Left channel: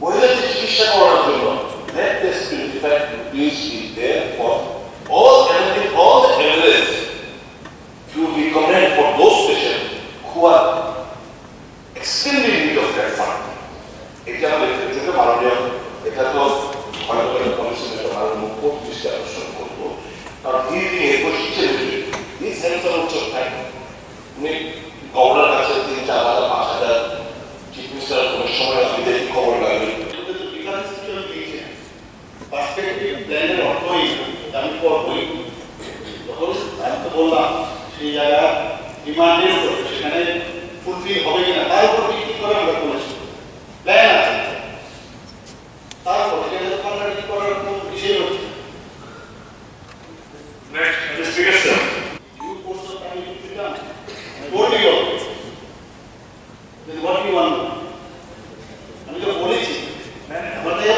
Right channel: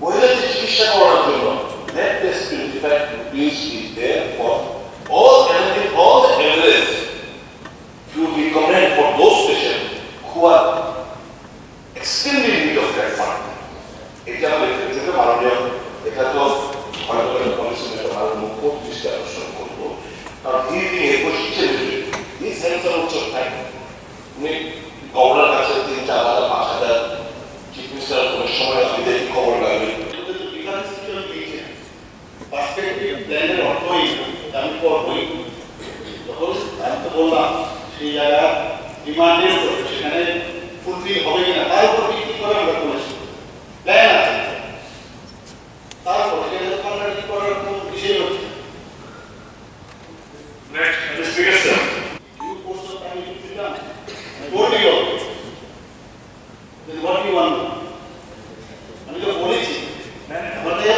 মহিলাদের চিকিৎসা করার জন্য latest 25 rupees is there for all the evidence to recommend for those patients who are extremely in need of that fund. এটা আমাদের ক্ষেত্রে মাননীয় এটা তো হয়তো পলিসি মেটার মাননীয় মুখ্যমন্ত্রী দৃষ্টি আকর্ষণ করবো, কারণ তিনি শিক্ষা দেবেন দিস হেলথ উচ্চ টাইম উনি গভর্নর কাছে 3-4,000 5,000 চিফ মিনিস্টার কোনো সময় আপনি দেখি খবর লাগবে পার্সপেক্টিভ প্ল্যানের অর্থই আমি করবই তখন আমি তো বললাম সেই জায়গা ডিমান্ডের সেখানে ফুলফিল হবে কিনা তার উপর ভিত্তি করে আমরা করেছি প্ল্যান আছে তারপর সেটা কন্ট্রাক্ট করার কোনো বিষয় হচ্ছে next investigation you post of time is done told you then what you want আমি তো বলেছি আমাদের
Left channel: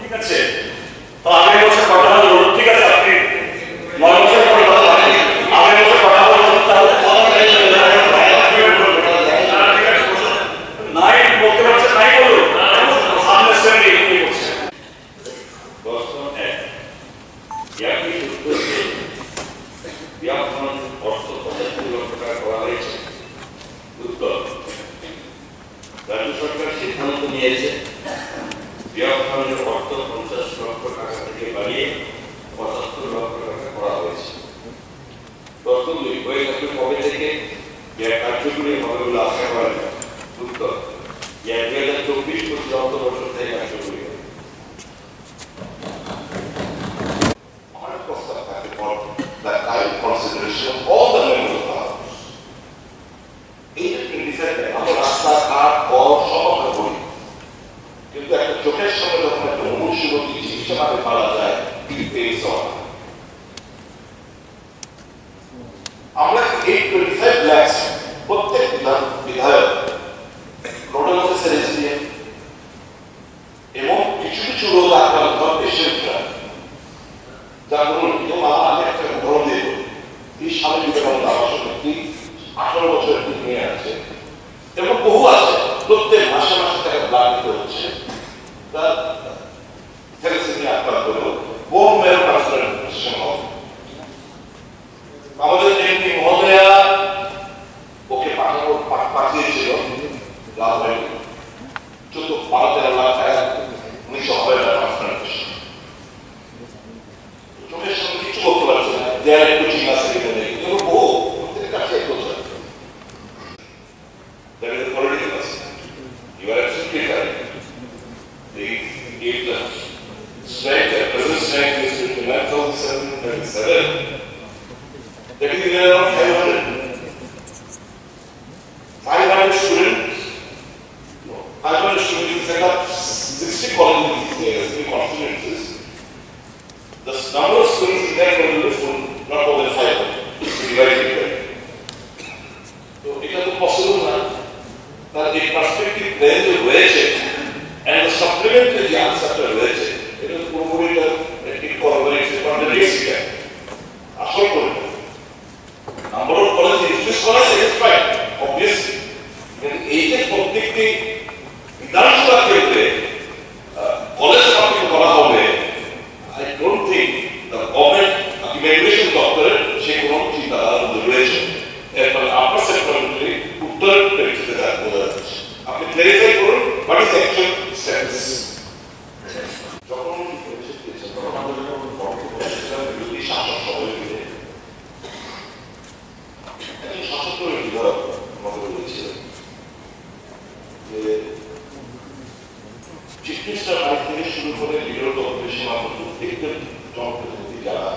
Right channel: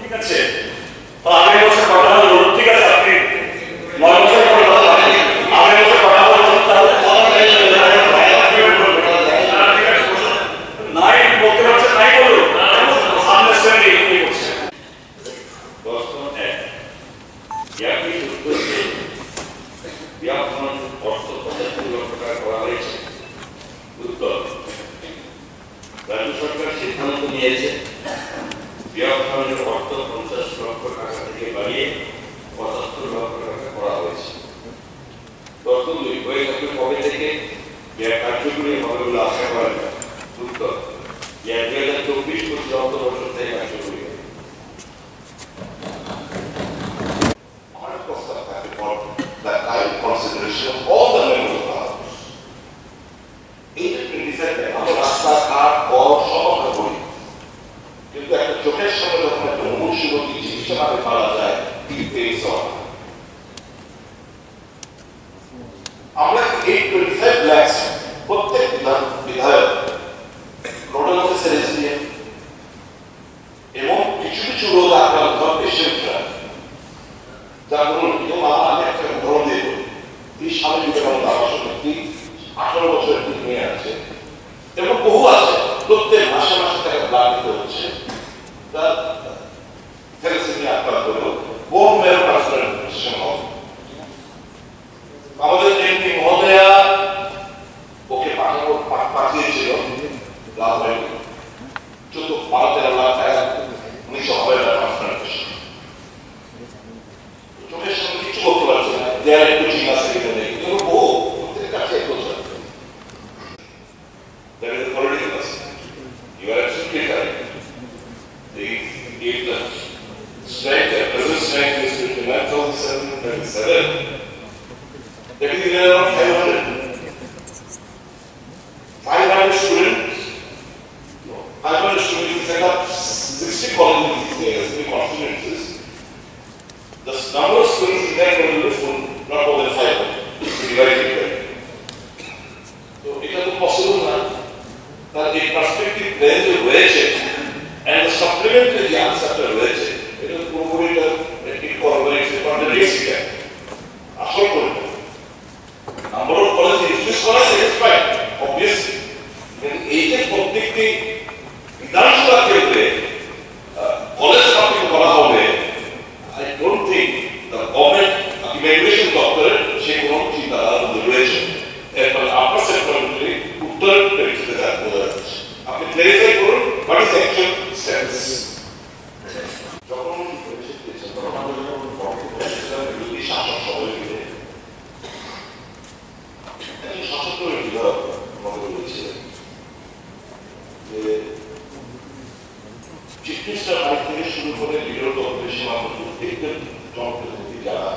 ঠিক আছে তো আগামী বছর কথা হলো ঠিক আছে আপনি 9 বছর পরে কথা বলেন আগামী বছর কথা বলতে তাহলে নাই বলতে পারছে নাই বলো সামনে সেন্ডি কি করছে দর্শন এক ইয়াকি উত্তরে বিয়াপন অর্থ 75 লক্ষ টাকা করা হয়েছে উত্তর রাজ্য সরকার সিদ্ধান্ত নিয়েছে বিয়াপনের অর্থ 50 লক্ষ টাকা থেকে বাড়িয়ে 75 লক্ষ টাকা করা হয়েছে দর্শন দুই হয়ে থাকবে কবে থেকে কার্যকরী হবে বলে আশা করা যায় উত্তর 2024-25 অর্থবর্ষ থেকে কার্যকরী হবে আমার প্রস্তাব থাকে for the kind consideration of all the members of the House. এই যে 27 আমরা রাস্তাঘাট কল সব আমরা করি কিন্তু একটা চোখের সামনে যখন একটা মুমূর্ষুরোগী চিকিৎসাভাবে পাওয়া যায় আমরা এই 25 লাখ প্রত্যেক বিধায়ক নোডাল অফিসার এসডিএম এবং কিছু কিছু রোগ আক্রান্ত পেশেন্টরা যার ধরুন আমি একটা উদাহরণ দিয়ে বলি এই স্বামী বিবেকানন্দ আবাসন একটি 18 বছরের একটি মেয়ে আছে এবং বহু আছে প্রত্যেক মাসে মাসে তাকে ব্লাড দিতে হচ্ছে তার থ্যালাসেমিয়া আক্রান্ত হলেও বোন ম্যারো ট্রান্সপ্লান্টেশন হবে আমাদের এমপি মহোদয়া ওকে পাঠিয়েছিল লাভ হয়নি 14-12 লাখ টাকা 1900 হবে ট্রান্সপ্লান্টেশন চোখের সামনে কিছু করতে পারছে না দেয়ার একটু ঠিক আছে কিনা নেই কিন্তু বহু প্রত্যেকের কাছে একটু that is the political aspect. You are absolutely right. If the strength, the present strength is 29,737, that is around 500 students. 500 students set up 60 colleges in these areas, 3 constituencies. The number of students in that colleges will not more than 500. Divided by. So it is possible now. That the perspective then the wage and the supplementary the answer to wage it is probably it corroborates the contradiction. Asshole number of colleges is satisfied obviously in age প্রত্যেকটি বিধানসভা ক্ষেত্রে college public করা হবে I don't think the government immigration doctor সে কোনো চিন্তাধারা রয়েছে এরপর আপনার সেক্টরে উত্তর পেরেছে আপনি ক্লারিফাই করুন হোয়াট ইজ অ্যাকচুয়াল স্ট্যাটাস যখন বিরোধী শাসক সবাই মিলে একজন শাসকের বিধায়ক আমাকে বলেছিলেন যে চিফ মিনিস্টার বাড়ি থেকে শুরু করে বিরোধী অধিবেশন প্রত্যেকটা জনপ্রতিনিধি যারা